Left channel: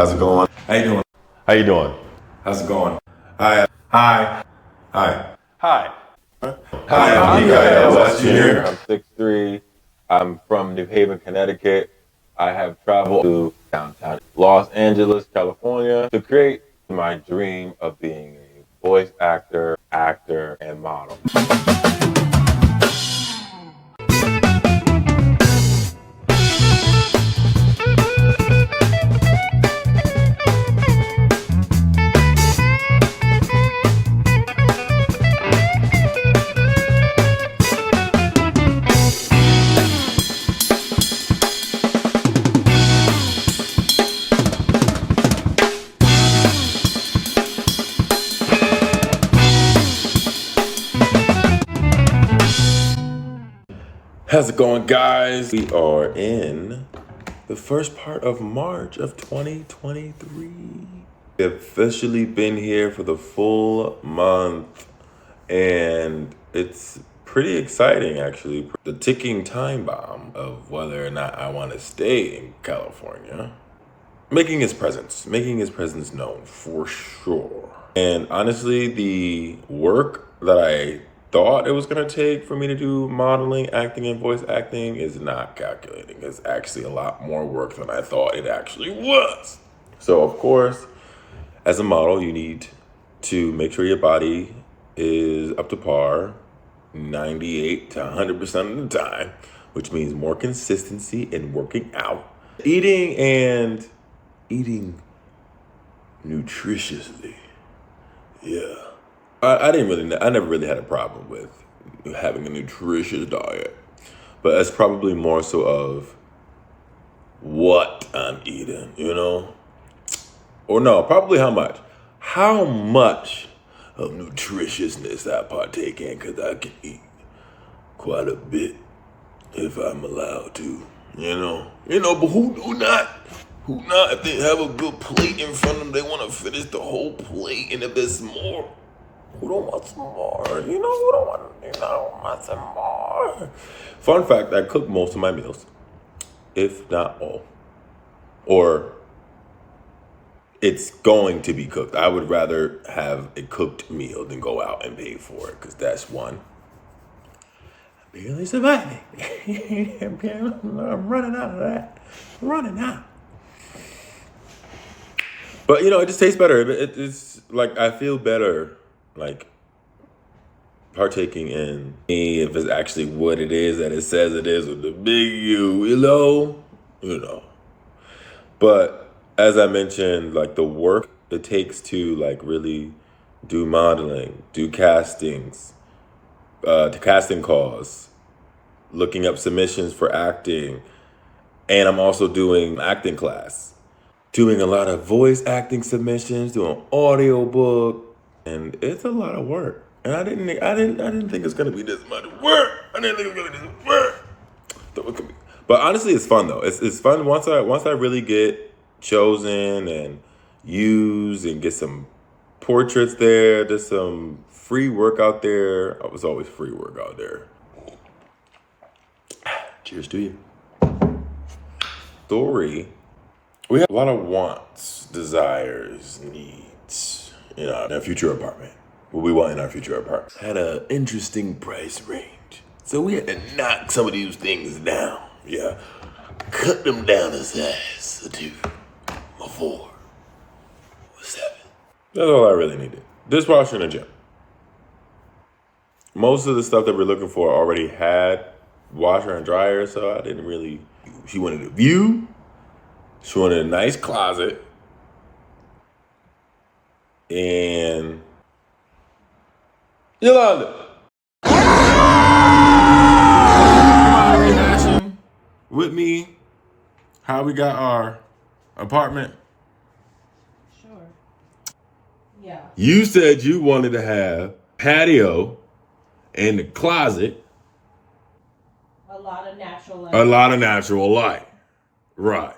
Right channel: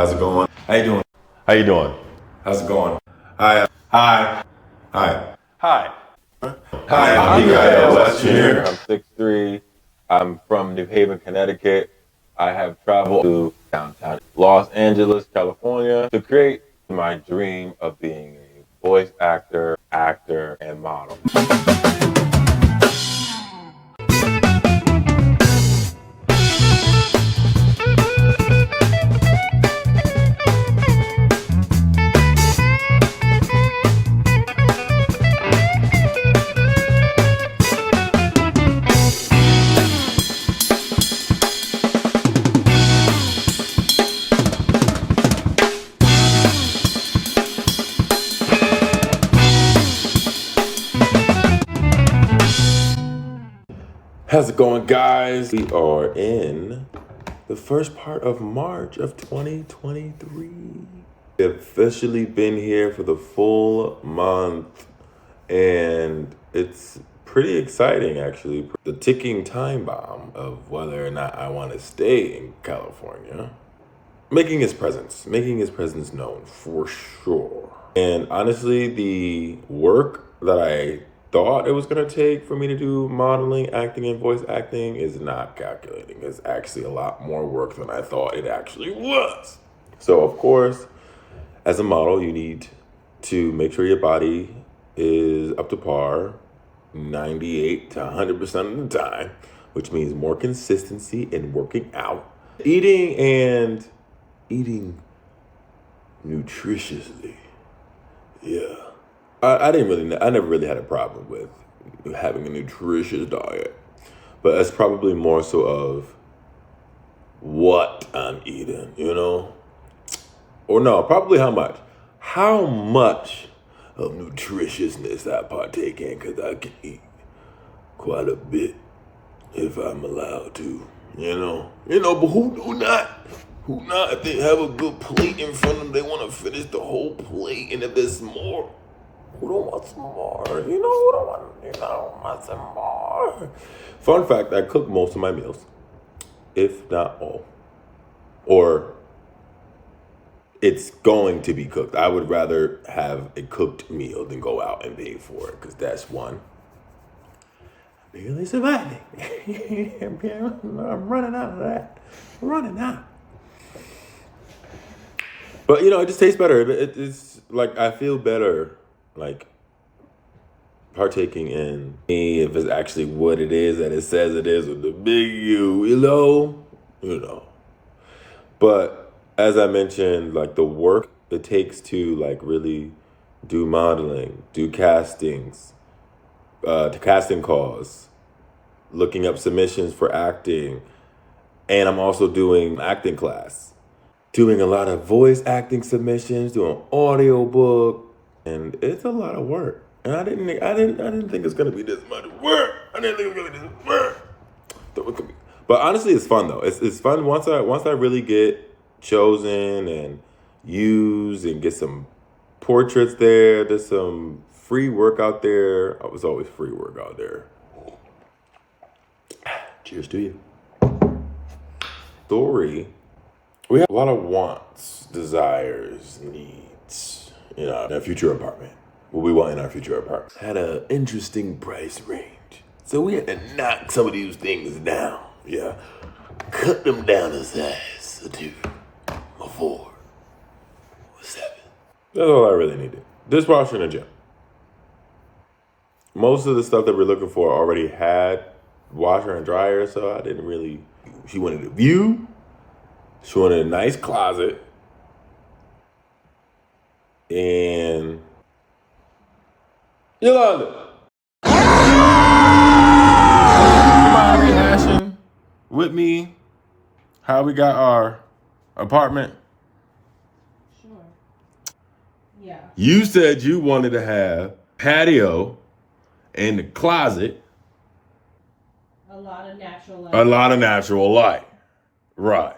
How's it going? How you doing? How you doing? How's it going? Hi. Hi. Hi. Hi. Hi, I'm Mikael West Jr. I'm 6'3". I'm from New Haven, Connecticut. I have traveled to downtown Los Angeles, California to create my dream of being a voice actor, and model. How's it going, guys? We are in the first part of March of 2023. We've officially been here for the full month, and it's pretty exciting, actually. The ticking time bomb of whether or not I want to stay in California. Making his presence known for sure. And honestly, the work that I thought it was going to take for me to do modeling, acting, and voice acting is not calculating. It's actually a lot more work than I thought it actually was. So, of course, as a model, you need to make sure your body is up to par 98 to 100% of the time, which means more consistency in working out, eating nutritiously. Yeah. I never really had a problem with having a nutritious diet, but it's probably more so of what I'm eating, Or no, probably how much. How much of nutritiousness I partake in, because I can eat quite a bit if I'm allowed to, but who not? Who not? If they have a good plate in front of them, they want to finish the whole plate. And if there's more, who don't want some more? Who don't want some more? Fun fact, I cook most of my meals, if not all. Or it's going to be cooked. I would rather have a cooked meal than go out and pay for it, because that's one. I'm barely surviving. I'm running out of that. Running out. But, it just tastes better. It's like I feel better, like, partaking in if it's actually what it is that it says it is with the big U, But as I mentioned, like, the work it takes to, like, really do modeling, do castings, to casting calls, looking up submissions for acting, and I'm also doing acting class. Doing a lot of voice acting submissions, doing audiobook, and it's a lot of work. And I didn't think it's gonna be this much work. I didn't think it was gonna be this work. But honestly, it's fun though. It's fun once I really get chosen and used and get some portraits there. There's some free work out there. Oh, it's always free work out there. Cheers to you. Story. We have a lot of wants, desires, needs in our future apartment. What we want in our future apartment had an interesting price range. So we had to knock some of these things down. Yeah. Cut them down a size, a 2, a 4, a 7. That's all I really needed. Dishwasher and a gym. Most of the stuff that we're looking for already had washer and dryer, so I didn't really. She wanted a view. She wanted a nice closet. And Yolanda. Rehashing with me how we got our apartment. Sure. Yeah. You said you wanted to have patio and the closet. A lot of natural light. A lot of natural light. Right.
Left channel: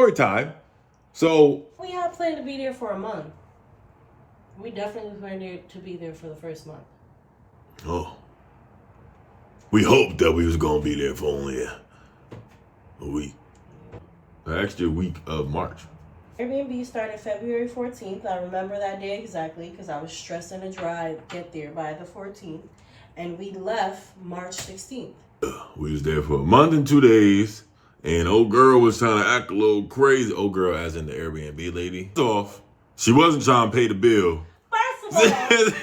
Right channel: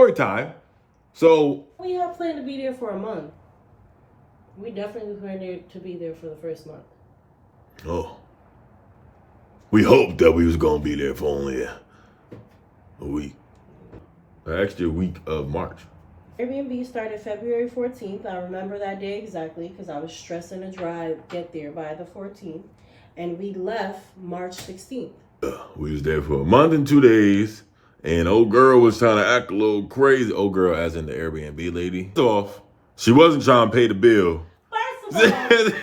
story time. So We have planned to be there for a month. We definitely planned to be there for the first month. Oh. We hoped that we was gonna be there for only a week. An extra week of March. Airbnb started February 14th. I remember that day exactly because I was stressing to get there by the 14th. And we left March 16th. We was there for a month and 2 days, and old girl was trying to act a little crazy. Old girl as in the Airbnb lady. Off. She wasn't trying to pay the bill. First of all,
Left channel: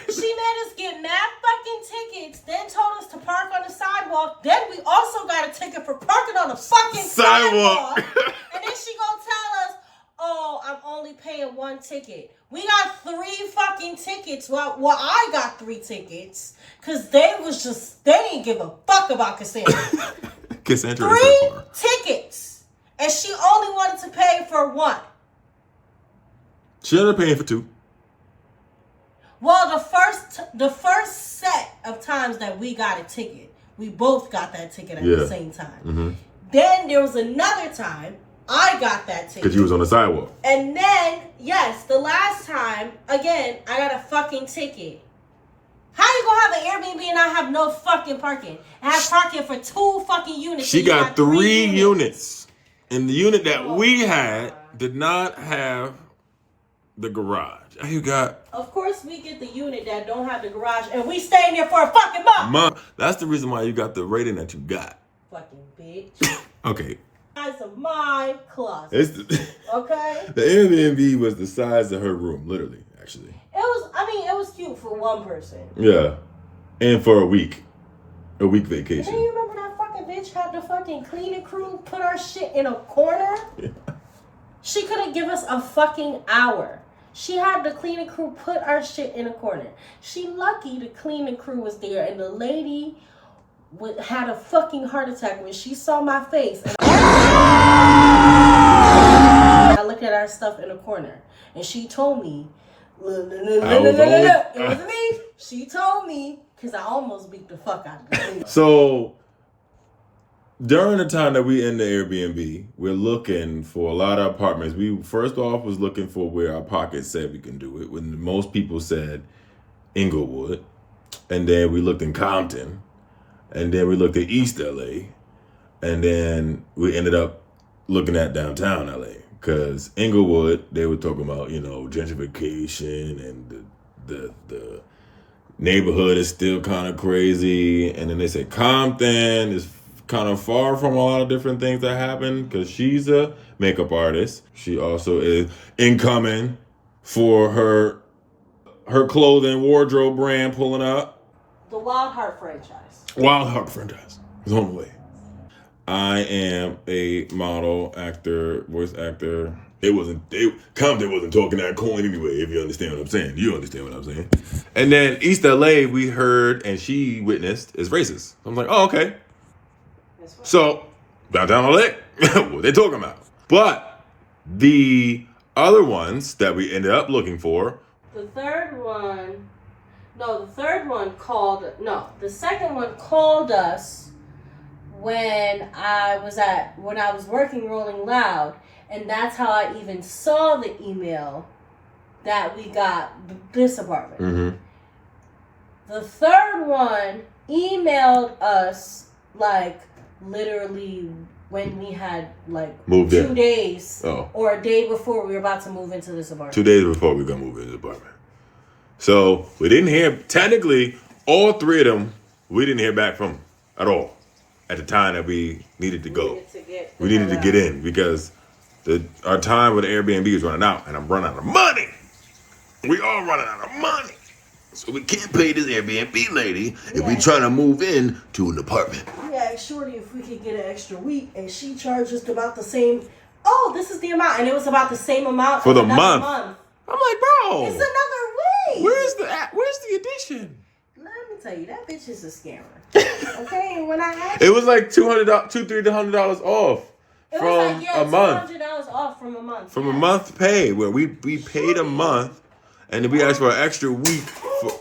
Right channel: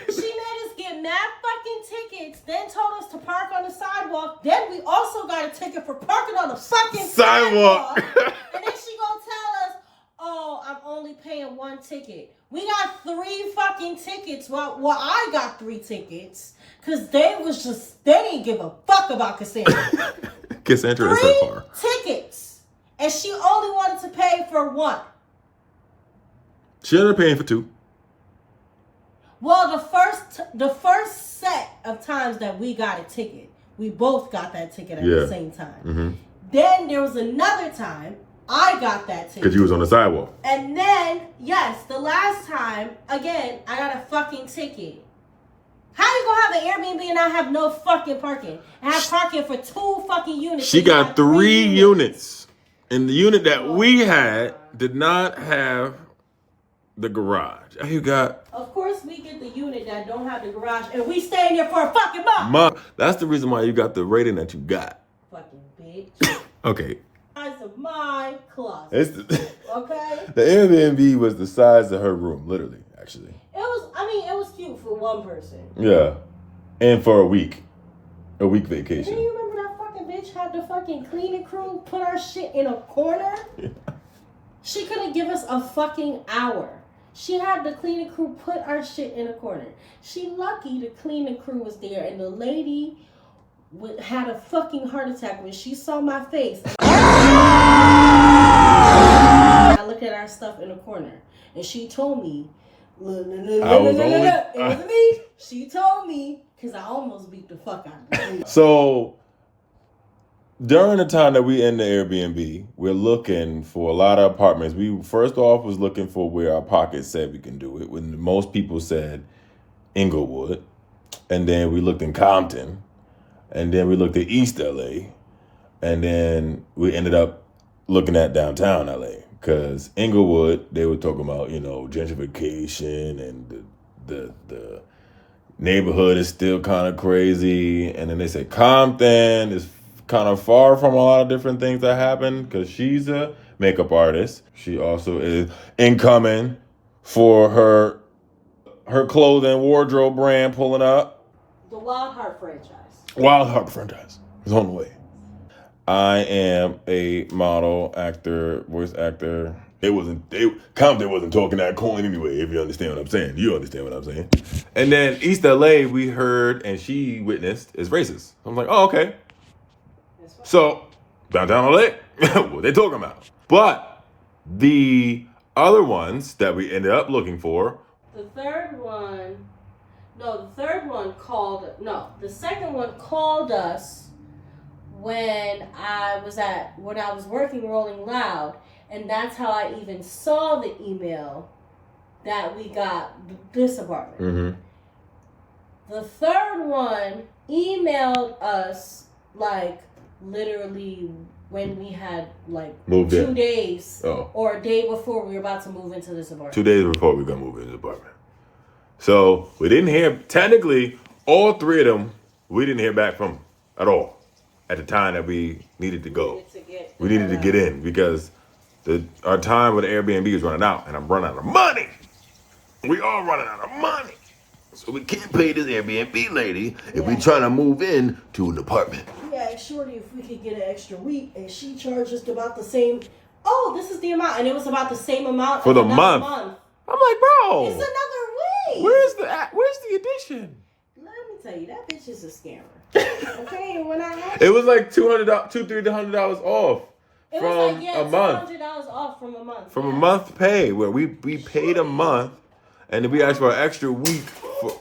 she made us get mad fucking tickets, then told us to park on the sidewalk. Then we also got a ticket for parking on the fucking sidewalk. And then she gonna tell us, oh, I'm only paying one ticket. We got 3 fucking tickets. Well, I got 3 tickets. Because they didn't give a fuck about Cassandra. Cassandra is her car. 3 tickets. And she only wanted to pay for 1. She ended up paying for 2. Well, the first set of times that we got a ticket, we both got that ticket at the same time. Mm-hmm. Then there was another time I got that ticket. Because you was on the sidewalk. And then, yes, the last time, again, I got a fucking ticket. How you gonna have an Airbnb and not have no fucking parking? And have parking for 2 fucking units. She got 3 units. And the unit that we had did not have the garage. You got... Of course we get the unit that don't have the garage and we staying there for a fucking month. That's the reason why you got the rating that you got. Fucking bitch. Okay. Size of my closet. Okay? The Airbnb was the size of her room, literally, actually. It was cute for one person. Yeah. And for a week vacation. Do you remember that fucking bitch had the fucking cleaning crew put our shit in a corner? Yeah. She couldn't give us a fucking hour. She had the cleaning crew put our shit in a corner. She lucky the cleaning crew was there and the lady had a fucking heart attack when she saw my face. And I looked at our stuff in a corner and she told me, it was me. She told me because I almost beat the fuck out of her. So during the time that we in the Airbnb, we're looking for a lot of apartments. We first off was looking for where our pocket said we can do it. When most people said Inglewood, and then we looked in Compton, and then we looked at East LA, and then we ended up looking at downtown LA. Because Inglewood, they were talking about, gentrification and the neighborhood is still kind of crazy. And then they said Compton is kind of far from a lot of different things that happen because she's a makeup artist. She also is incoming for her clothing wardrobe brand pulling up. The Wild Heart franchise. Wild Heart franchise is on the way. I am a model, actor, voice actor. Compton wasn't talking that coin anyway, if you understand what I'm saying. You understand what I'm saying. And then East LA, we heard and she witnessed is racist. I'm like, oh, okay. So, downtown LA, what they talking about? But the other ones that we ended up looking for. The second one called us when I was working Rolling Loud, and that's how I even saw the email that we got this apartment. Mm-hmm. The third one emailed us literally when we had moved 2 days or a day before we were about to move into this apartment. 2 days before we were gonna move into the apartment. So we didn't hear, technically, all 3 of them, we didn't hear back from at all at the time that we needed to go. We needed to get in because our time with the Airbnb is running out and I'm running out of money. We all running out of money. So we can't pay this Airbnb lady if we trying to move in to an apartment. We asked Shorty if we could get an extra week, and she charged us about the same. Oh, this is the amount, and it was about the same amount for the month. I'm like, bro, it's another week. Where's the addition? Let me tell you, that bitch is a scammer. Okay, when I asked, it was like $200-$300 off from a month. $200 off from a month. From a month pay where we paid a month, and then we asked for an extra week for.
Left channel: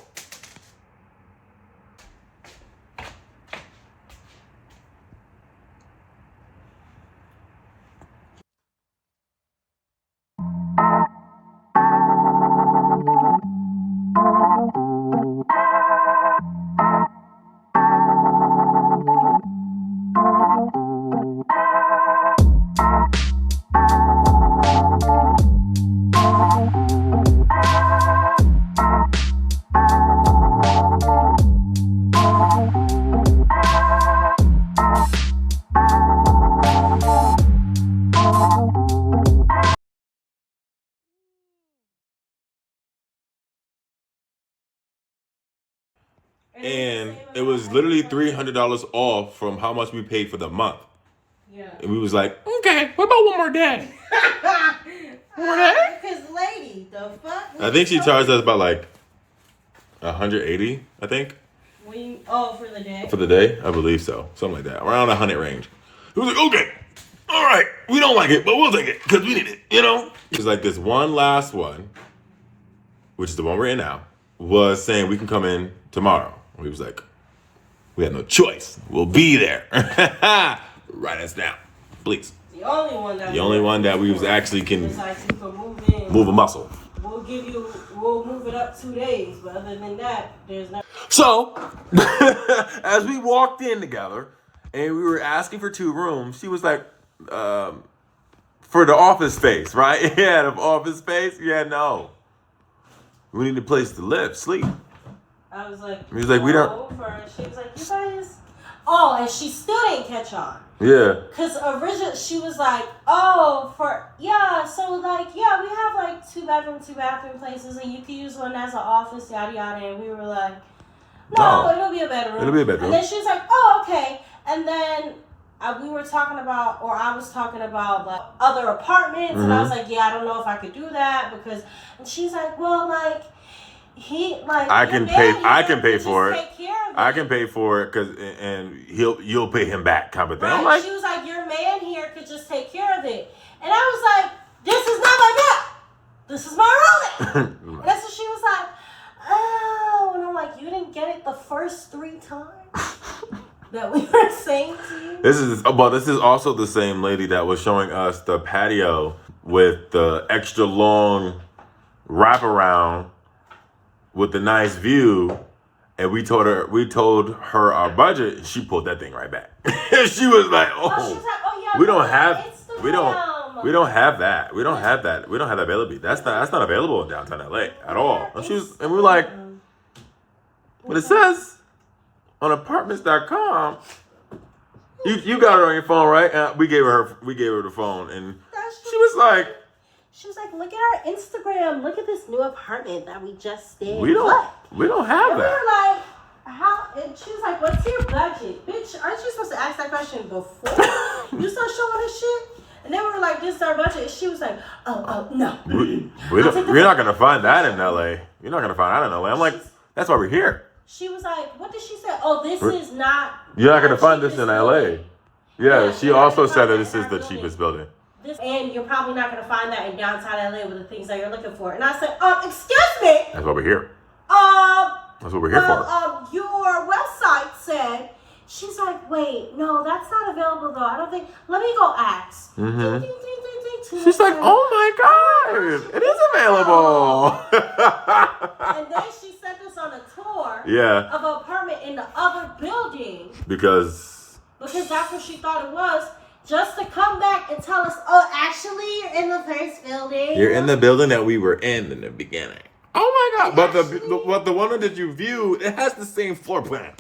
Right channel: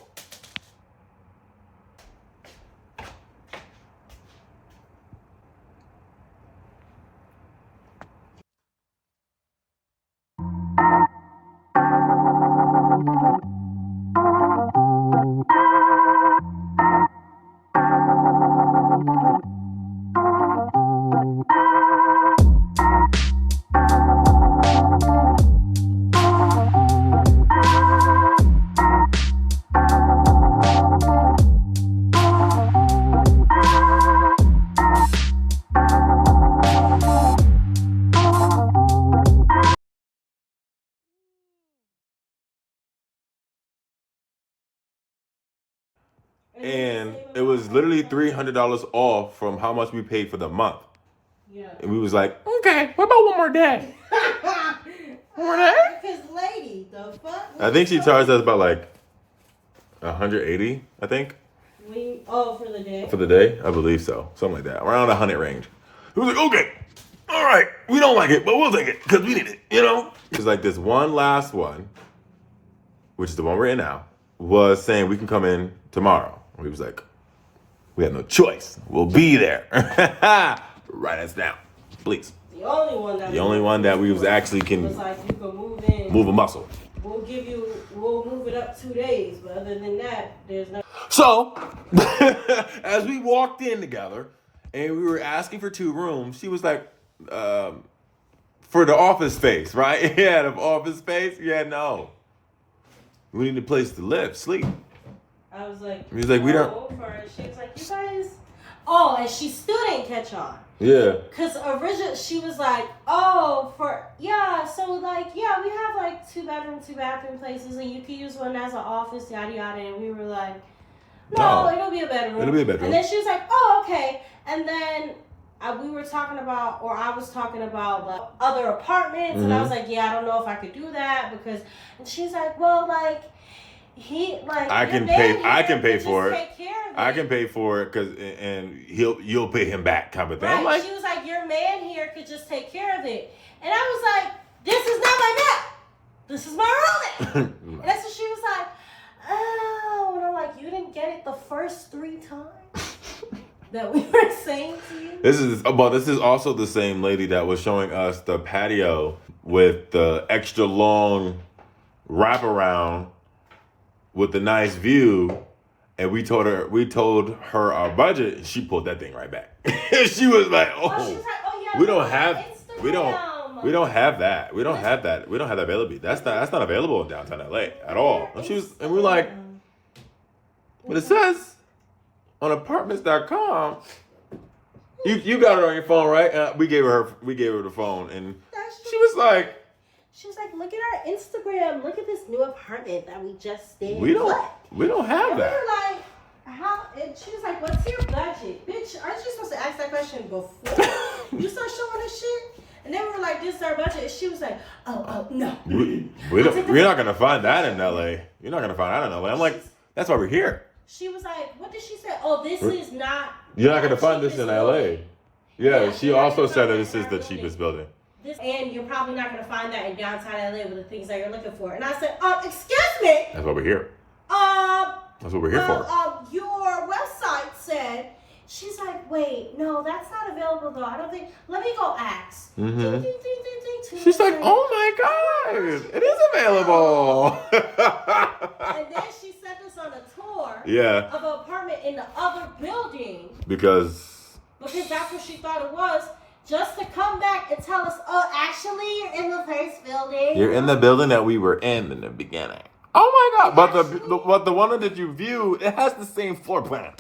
And it was literally $300 off from how much we paid for the month. Yeah. And we was like, okay, what about one more day? One more day? Because lady, the fuck? I think she charged us about like $180, I think. For the day? For the day? I believe so. Something like that. Around 100 range. It was like, okay, all right, we don't like it, but we'll take it because we need it, you know? It's like this one last one, which is the one we're in now, was saying we can come in tomorrow. We was like, we have no choice. We'll be there. Write us down, please. The only one that we was actually can like you can move in. move a muscle. We'll move it up 2 days, but other than that, there's no. So, as we walked in together and we were asking for 2 rooms, she was like, for the office space, right? Yeah, the office space. Yeah, no. We need a place to live, sleep. I was like, he was like, we don't. She was like, you guys. Oh, and she still didn't catch on. Yeah. Because originally she was like, so like, we have like 2 bedroom, 2 bathroom places, and you can use one as an office, yada yada. And we were like, no, it'll be a bedroom. It'll be a bedroom. And then she was like, oh, okay. And then we were talking about, or I was talking about like other apartments, and I was like, I don't know if I could do that because, and she's like, well, like, I can pay for it. I can pay for it and you'll pay him back, kind of thing. Right. I'm like, she was like, your man here could just take care of it, and I was like, this is not like that. This is my room. And that's what she was like. Oh, and I'm like, you didn't get it the first 3 times that we were saying to you. This is also the same lady that was showing us the patio with the extra long wraparound with the nice view, and we told her our budget, and she pulled that thing right back. She was like, we don't have that. We don't have that. We don't have that availability. That's not available in downtown LA at all. And we were like, but it says on apartments.com. You got it on your phone, right? We gave her the phone, and she was like, look at our Instagram. Look at this new apartment that we just stayed. We don't have and that. We were like, how? And she was like, what's your budget? Bitch, aren't you supposed to ask that question before you start showing us shit? And then we were like, this is our budget. And she was like, no. We're not going to find that in LA. You're not going to find that in LA. I'm like, that's why we're here. She was like, what did she say? Oh, this is not. You're not going to find this in LA. Yeah, she also said that this is the cheapest building. And you're probably not going to find that in downtown LA with the things that you're looking for. And I said, excuse me. That's why we're here. That's what we're here for. Your website said, she's like, wait, no, that's not available though. I don't think, let me go ask. Mm-hmm. Ding, ding, ding, ding, ding. She's like, oh my God, it is available. And then she sent us on a tour of an apartment in the other building. Because that's what she thought it was. Just to come back and tell us, actually, you're in the first building. You're in the building that we were in the beginning. Oh my God! But the one that you viewed, it has the same floor plan.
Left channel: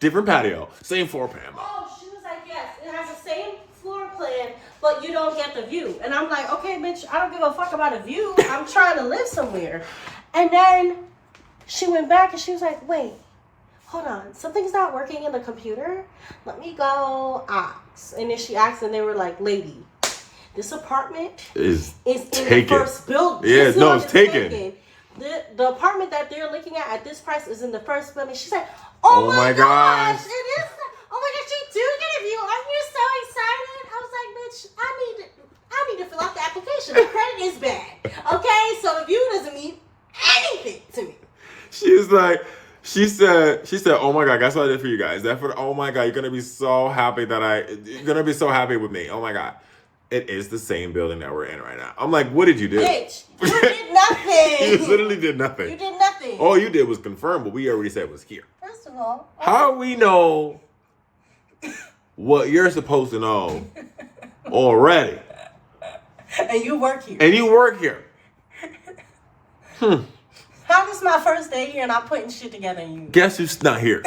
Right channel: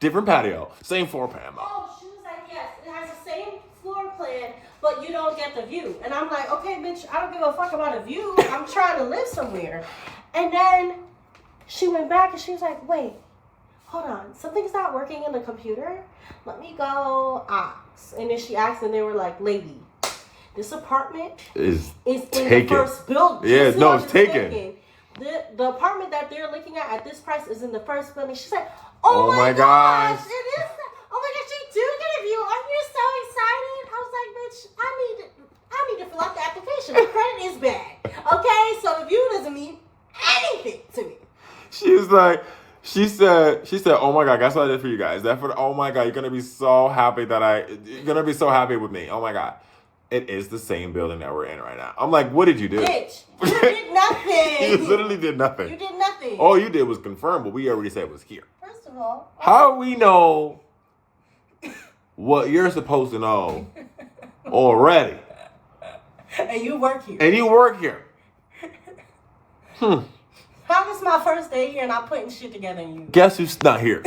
Different patio, same floor plan. Oh, she was like, yes, it has the same floor plan, but you don't get the view. And I'm like, okay, bitch, I don't give a fuck about a view. I'm trying to live somewhere. And then she went back and she was like, wait. Hold on, something's not working in the computer. Let me go ask. And then she asked, and they were like, lady, this apartment is taken. In the first building. Yeah, no, it's taken. The apartment that they're looking at this price is in the first building. She said, oh my gosh. It is. Oh my gosh, you do get a view. Aren't you so excited? I was like, bitch, I need to fill out the application. The credit is bad. Okay, so the view doesn't mean anything to me. She said, oh my God, guess what I did for you guys? Oh my God, you're going to be so happy you're going to be so happy with me. Oh my God. It is the same building that we're in right now. I'm like, what did you do? Bitch, you did nothing. You literally did nothing. You did nothing. All you did was confirm what we already said was here. First of all. How do we know what you're supposed to know already? And you work here. How is my first day here and I'm putting shit together and you? Guess who's not here?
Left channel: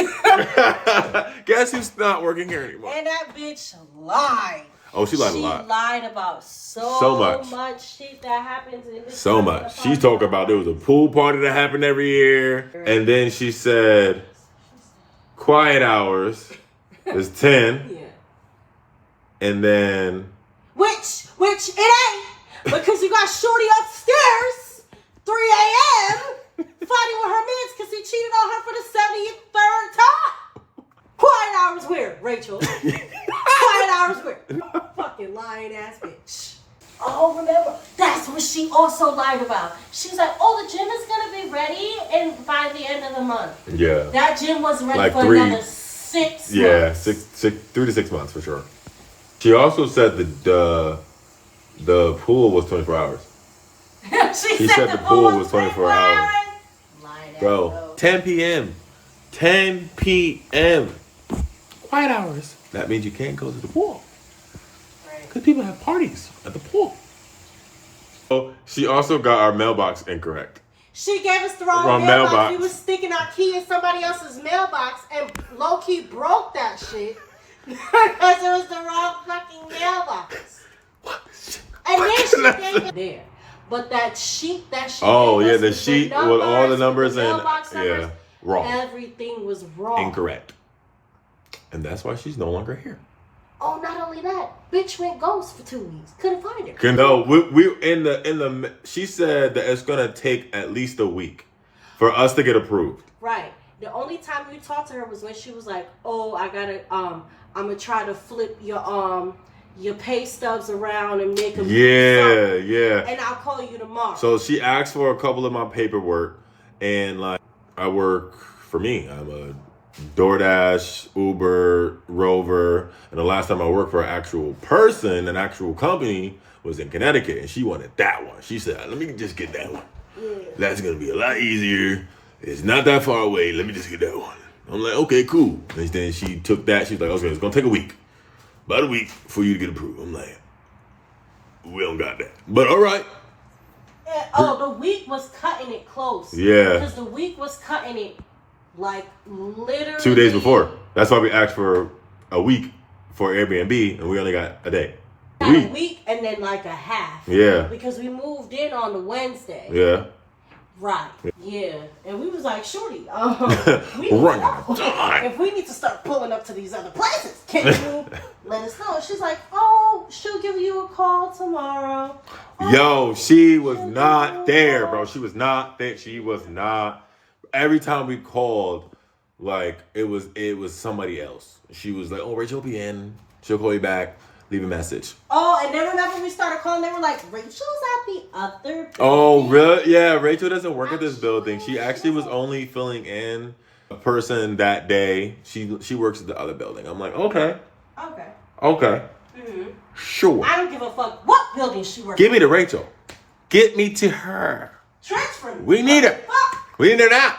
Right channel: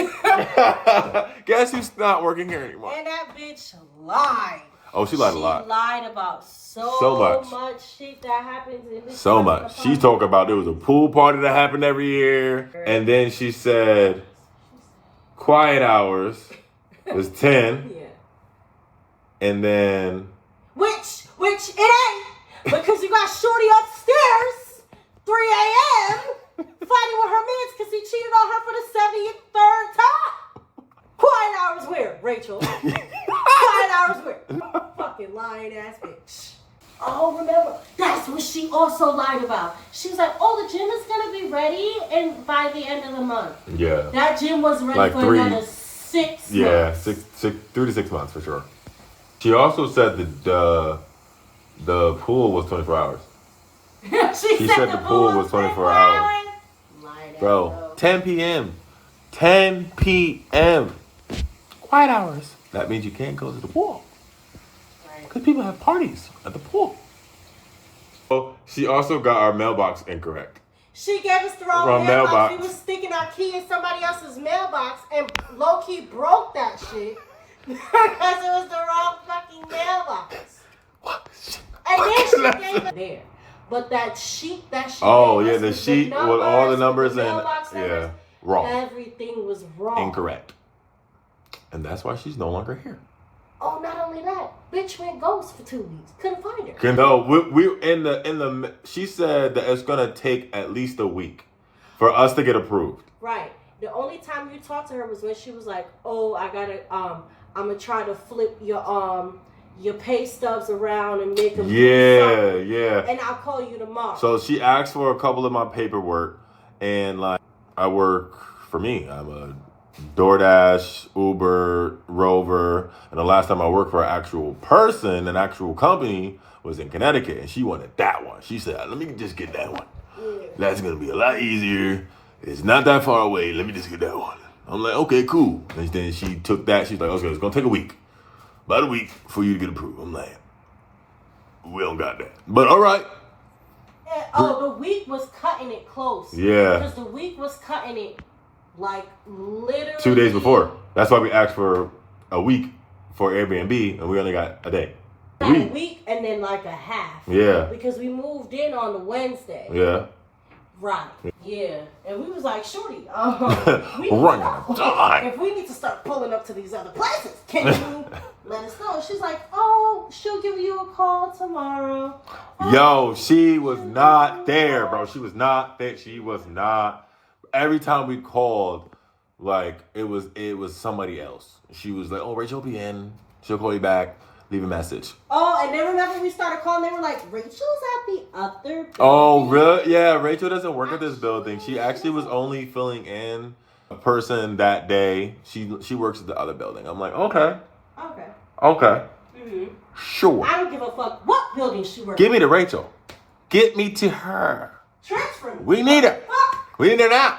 Guess who's not working here anymore? And that bitch lied. Oh, she lied a lot. She lied about so much shit that happens in this. So much. She talked about there was a pool party that happened every year. And then she said quiet hours is 10. Yeah. And then... Which it ain't. Because you got Shorty upstairs, 3 a.m., fighting with her mans because he cheated on her for the 73rd time. Quiet hours where, Rachel? Quiet hours where? Fucking lying ass bitch. Oh, remember, that's what she also lied about. She's like, oh, the gym is going to be ready and by the end of the month. Yeah. That gym was ready Like for 3, another 6 yeah, months. 3 to 6 months for sure. She also said that the pool was 24 hours. she said the pool was 24 hours. Lying Bro, ass 10 p.m. 10 p.m. Quiet hours. That means you can't go to the pool. Because people have parties at the pool. So she also got our mailbox incorrect. She gave us the wrong mailbox. We was sticking our key in somebody else's mailbox and low-key broke that shit because it was the wrong fucking mailbox. What? And then she gave it there. But that sheet Oh, gave yeah, us the with sheet with all the numbers and, mailbox yeah, numbers, wrong. everything was wrong. Incorrect. And that's why she's no longer here. Oh, not only that, bitch went ghost for 2 weeks. Couldn't find her. No, we in the. She said that it's gonna take at least a week for us to get approved. Right. The only time you talked to her was when she was like, "Oh, I gotta I'm gonna try to flip your pay stubs around and make them." Yeah. And I'll call you tomorrow. So she asked for a couple of my paperwork, and like I work for me. I'm a DoorDash, Uber, Rover, and the last time I worked for an actual person, an actual company, was in Connecticut, and she wanted that one. She said, let me just get that one. That's gonna be a lot easier. It's not that far away. Let me just get that one. I'm like, okay, cool. And then she took that. She's like, okay, it's gonna take a week. About a week for you to get approved. I'm like, we don't got that. But all right. The week was cutting it close. Yeah. Because the week was cutting it like literally 2 days before. That's why we asked for a week for Airbnb, and we only got a day. A week and then like a half. Yeah. Because we moved in on the Wednesday. Yeah. Right. Yeah. And we was like, Shorty, Run out of time. if we need to start pulling up to these other places, can you let us know? She's like, oh, she'll give you a call tomorrow. Yo, she was not there, bro. She was not there. She was not. Every time we called, like it was somebody else. She was like, "Oh, Rachel will be in. She'll call you back. Leave a message." Oh, and then whenever we started calling, they were like, "Rachel's at the other building." Oh, really? Yeah, Rachel doesn't work at this building. She actually was only filling in a person that day. She works at the other building. I'm like, okay. Mm-hmm. Sure. I don't give a fuck what building she works. Give me to Rachel. Get me to her. Transfer me. We need her. Fuck. We need her now.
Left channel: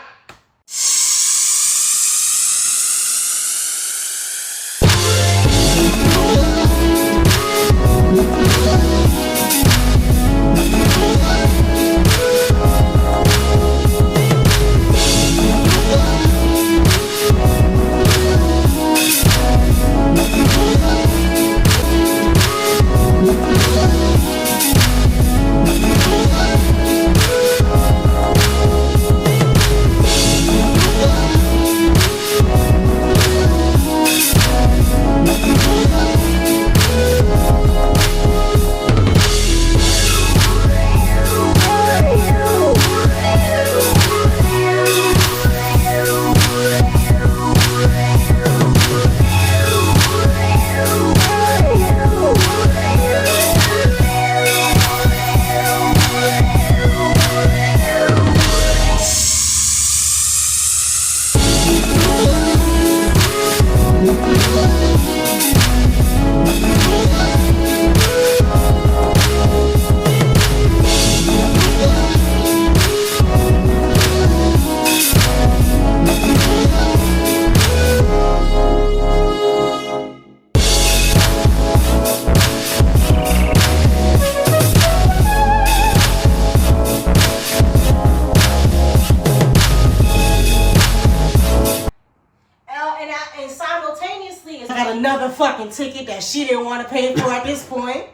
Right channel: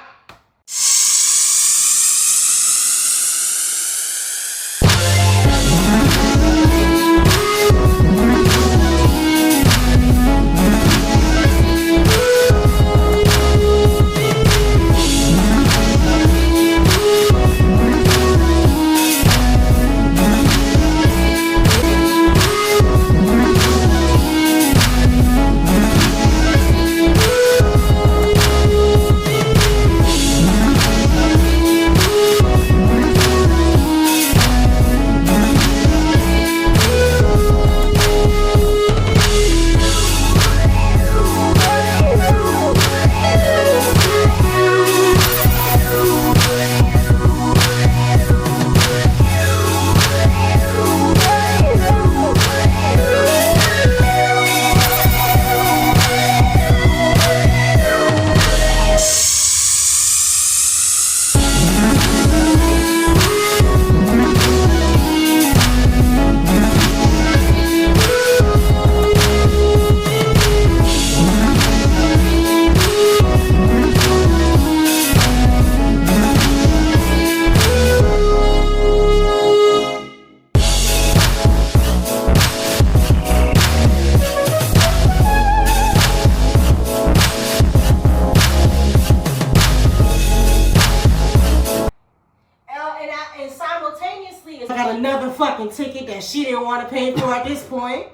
fucking ticket that she didn't want to pay for at this point.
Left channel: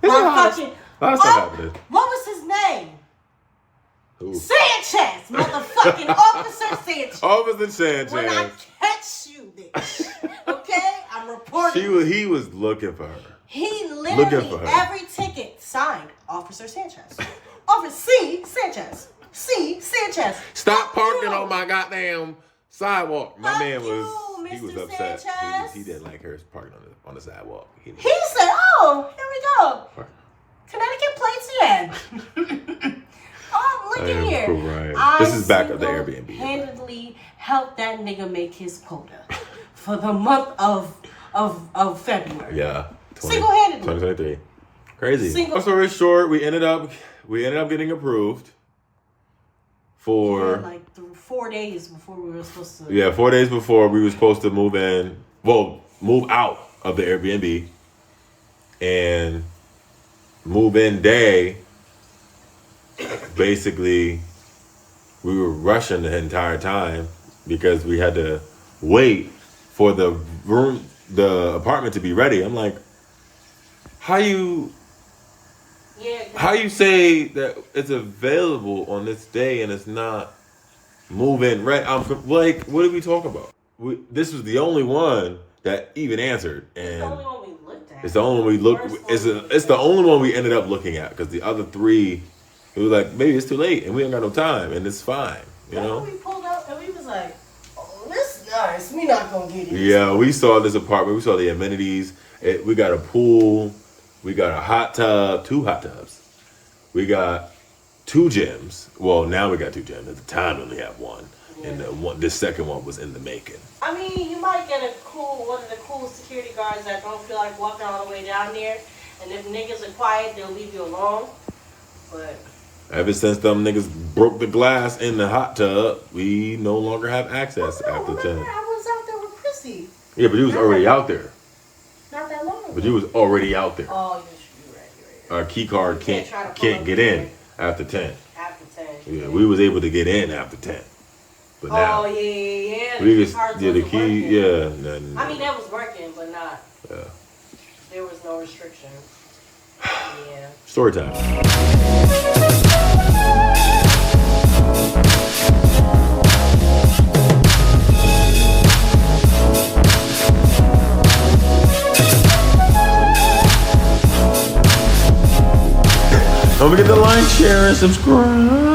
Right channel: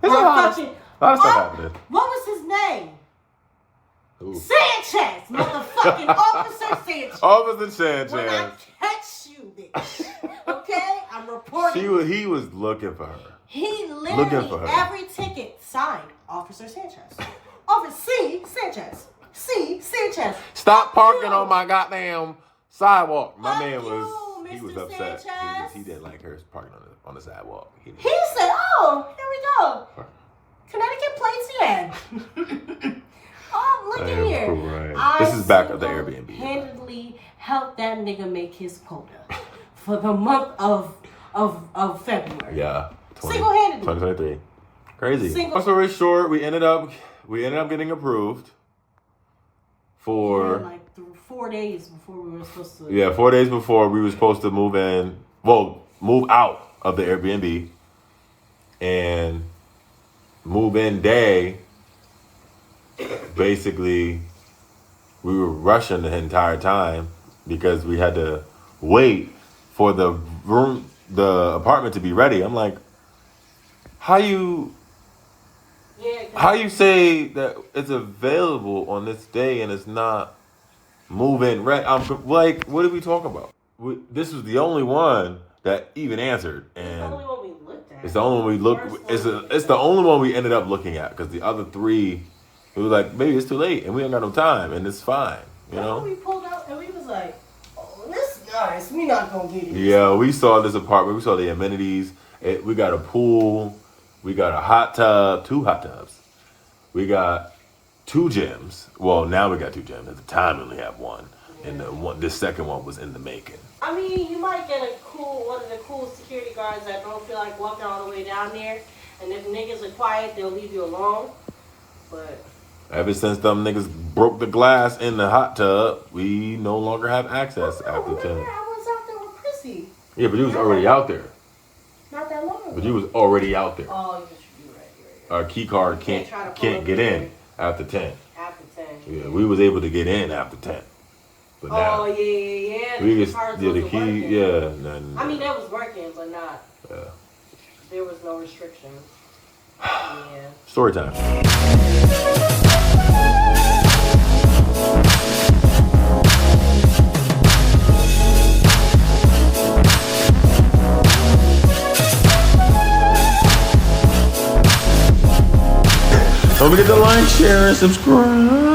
There's a lot of stuff happening. What was his name? Ooh. Sanchez, motherfucking Officer Sanchez. Officer When I Sanchez. catch you, bitch. Okay? I'm reporting. He was looking for her. He Looking literally, for her. every ticket signed Officer Sanchez. Officer C. Sanchez. C. Sanchez. Stop parking you. on my goddamn sidewalk. My Fuck man was, you, he was Mr. upset. Sanchez. He didn't like her parking on the sidewalk. He said, oh, here we go. Connecticut plates again. Oh, look I at am here. crying. This is back at the Airbnb. Single-handedly helped that nigga make his quota for the month of February. Yeah. Single-handedly. 2023. Crazy. Long story short, we ended up getting approved for Like 4 days before we were supposed to. Yeah, 4 days before we were supposed to move in. Well, move out of the Airbnb. And move in day, basically, we were rushing the entire time because we had to wait for the apartment to be ready. I'm like, how you say that it's available on this day and it's not moving right? I'm like, what are we talking about? This was the only one that even answered, and it's the only one we looked. It's the only one we ended up looking at because the other three, we were like, maybe it's too late and we ain't got no time and it's fine, you know. We pulled up and we was like, oh, this is nice. We not gonna get it. Yeah, we saw this apartment. We saw the amenities. We got a pool. We got a hot tub, 2 hot tubs. We got 2 gyms. Well, now we got 2 gyms. At the time, we only have 1. Yeah. And this second one was in the making. I mean, you might get one of the cool security guards that don't feel like walking all the way down there. And if niggas are quiet, they'll leave you alone. But ever since them niggas broke the glass in the hot tub, we no longer have access after 10. I was out there with Chrissy. Yeah, but you was already out there. Not that long. But you was already out there. Oh, you're right. Our key card can't get in after 10. After 10. Yeah, we was able to get in after 10. But now, oh yeah. we just the key, working. yeah. I mean, that was working, but not. Yeah. There was no restriction. Yeah. Story time. Don't forget to like, share, and subscribe.